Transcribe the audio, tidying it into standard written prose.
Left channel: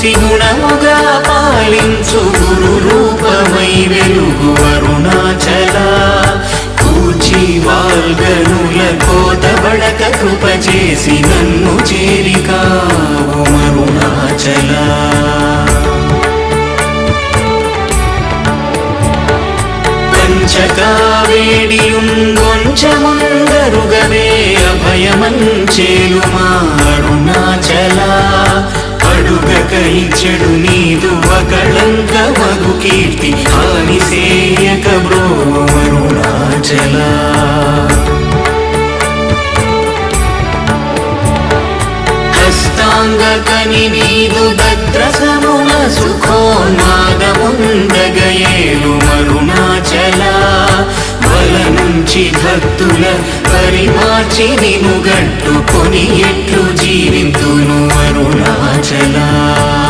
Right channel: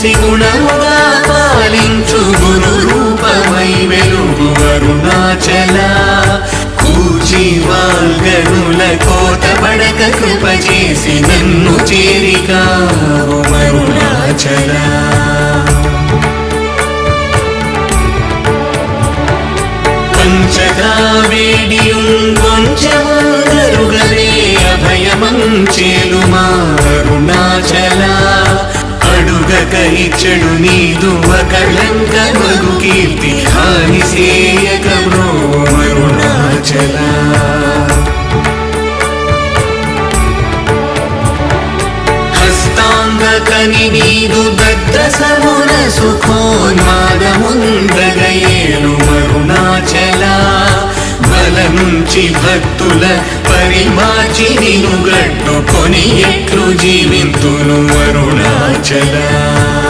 త్రిగుణముగా పాలించు గురు రూపమై వెలుగు అరుణాచల కూచి వాల్గనుల కోటబడక కృప చేసి నన్ను చేరికావు అరుణాచల పంచగా వేడియుంగొంచెముందరుగవే అభయమంచేలుమా అరుణాచల అడుగకరిచెడు నీదు అకళంకమగు కీర్తి హాని సేయక బ్రోవు అరుణాచల హస్తాంగకని నీదు దత్త సమున సుఖోనా